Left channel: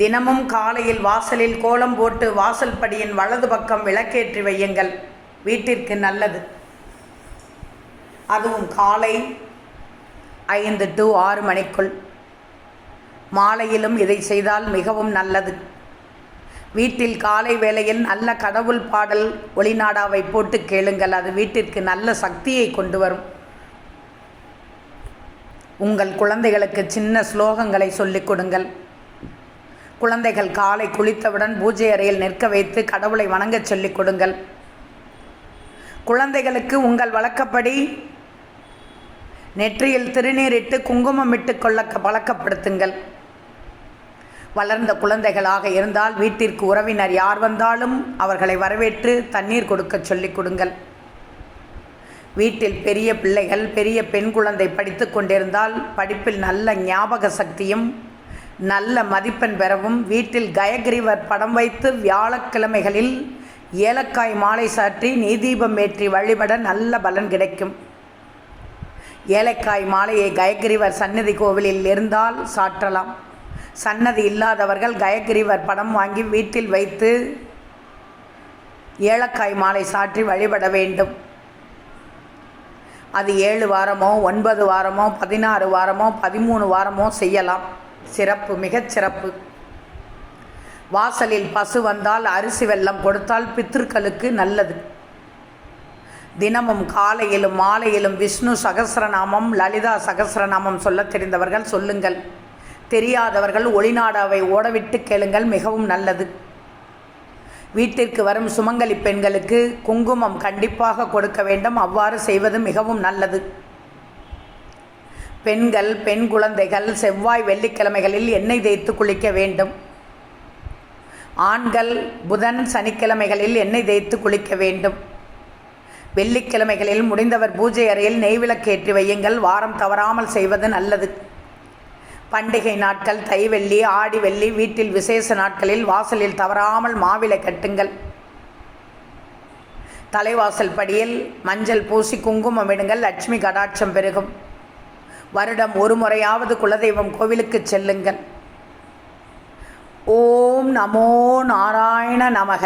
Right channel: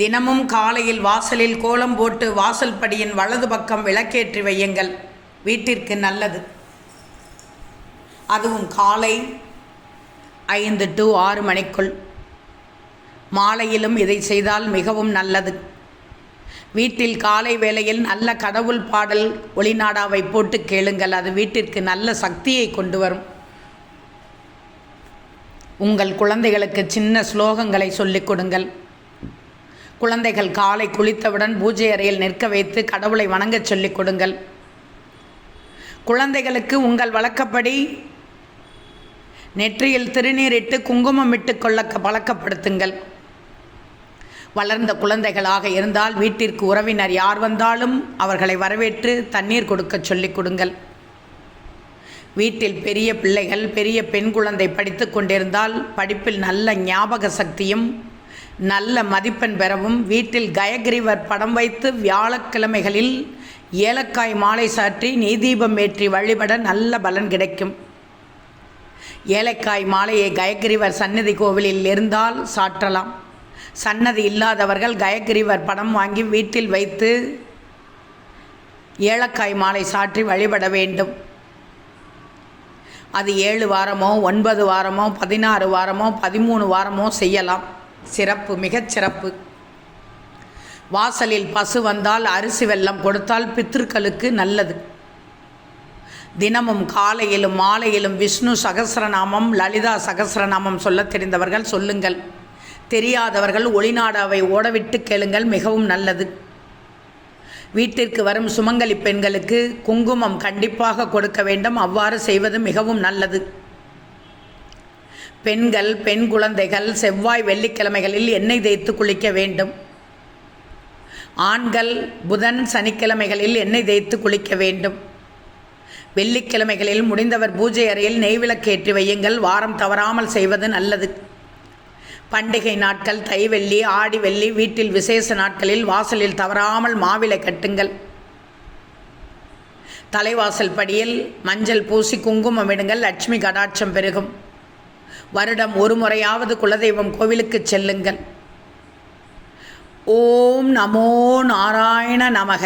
தினமும் காலையில் வாசலில் கோலம் போட்டு வாசல் படியின் வலது பக்கம் விளக்கேற்றி வையுங்கள். வீட்டிற்கு நல்லது. அதுவும் காலை 5 to 6 மணிக்குள். மாலையிலும் இதை செய்தால் மிகவும் நல்லது. வீட்டில் காலை வேளையில் நல்ல கடவுள் பாடல் ஒளிநாடாவை போட்டு கேளுங்கள். அது வீட்டிற்கு நல்ல சக்தியை கொண்டு வரும். உங்கள் குழந்தைகளுக்கு சின்ன ஸ்லோகங்களை சொல்லிக் கொடுங்கள். குழந்தைகள் காலை குளித்தவுடன் பூஜை அறையில் நிற்க வைத்து கடவுளை வணங்கச் சொல்லிக் கொடுங்கள். குழந்தைகளுக்கு உங்கள் வழக்கப்படி நெற்றியில் திருநீரிட்டு குங்குமம் இட்டு கொள்ள பழக்கப்படுத்துங்கள். வளர்ந்த குழந்தைகளாக இருந்தால் வீட்டிற்கு உறவினர் யார் வந்தாலும் அவர்களை வரவேற்று தண்ணீர் கொடுக்க சொல்லிக் கொடுங்கள். வீட்டில் பெரிய பிள்ளைகள் பெரிய பெண் குழந்தை படித்து கொண்டிருந்தால் படிப்பில் நல்ல ஞாபக சக்தியும் நல்ல மதிப்பெண் பெறவும் வீட்டில் கயகிரிவர் படம் வைத்து வியாழக்கிழமைகளில் ஏலக்காய் மாலை சாற்றி நெய்தீபம் ஏற்றி வழிபட நல்ல பலன் கிடைக்கும். ஏலக்காய் மாலையை கயகிரிவர் சன்னதி கோவிலில் இருந்தால் சாற்றலாம். சன்னதி இல்லாதவர்கள் கயகிரிவர் படம் வாங்கி வீட்டில் வைத்து ஏலக்காய் மாலை சாற்றி வழிபட வேண்டும். அது 7 வாரமோ 9 வாரமோ 16 வாரமோ 13 வாரமோ செய்யலாம். சிறப்பு, மிகச் சிறப்பு. வாசலில் பசு வந்தால் அரிசி வெல்லம் கொடுத்தால் பித்ருக்களுக்கு நல்லது. தினமும் காலையிலும் மாலையிலும் விஷ்ணு சகஸ்ரநாமம் லலிதா சகஸ்ரநாமம் சொல்ல தெரிந்தவர்கள் சொல்லுங்கள். தெரியாதவர்கள் ஒளிநாடாவை ஓடவிட்டு கேளுங்கள். மிகவும் நல்லது. வீட்டிற்கு வரும் சுமங்கலி பெண்களுக்கு குங்குமம் கண்டிப்பாக கொடுக்க வேண்டும். அவ்வாறு செய்வது மிகவும் நல்லது. பெண்கள் பெண் குழந்தைகள் செவ்வாய் வெள்ளிக்கிழமைகளில் எண்ணெய் தேய்த்து குளிக்க வேண்டும். ஆண்கள் புதன் சனிக்கிழமைகளில் எண்ணெய் தேய்த்து குளிக்க வேண்டும். வெள்ளிக்கிழமைகளில் முடிந்தவர் பூஜை அறையில் நெய்விளக்கேற்றி வையுங்கள். வாரம் தவறாமல் செய்வது நல்லது. பண்டிகை நாட்கள் தை வெள்ளி ஆடி வெள்ளி வீட்டில் விசேஷ நாட்களில் வாசலில் தவறாமல் மாவிலை கட்டுங்கள். தலைவாசல் படியில் மஞ்சள் பூசி குங்குமம் இடுங்கள். லட்சுமி கடாட்சம் பெருகும். வருடம் ஒரு முறையாவது குலதெய்வம் கோவிலுக்கு செல்லுங்கள். ஓம் நமோ நாராயண நமக.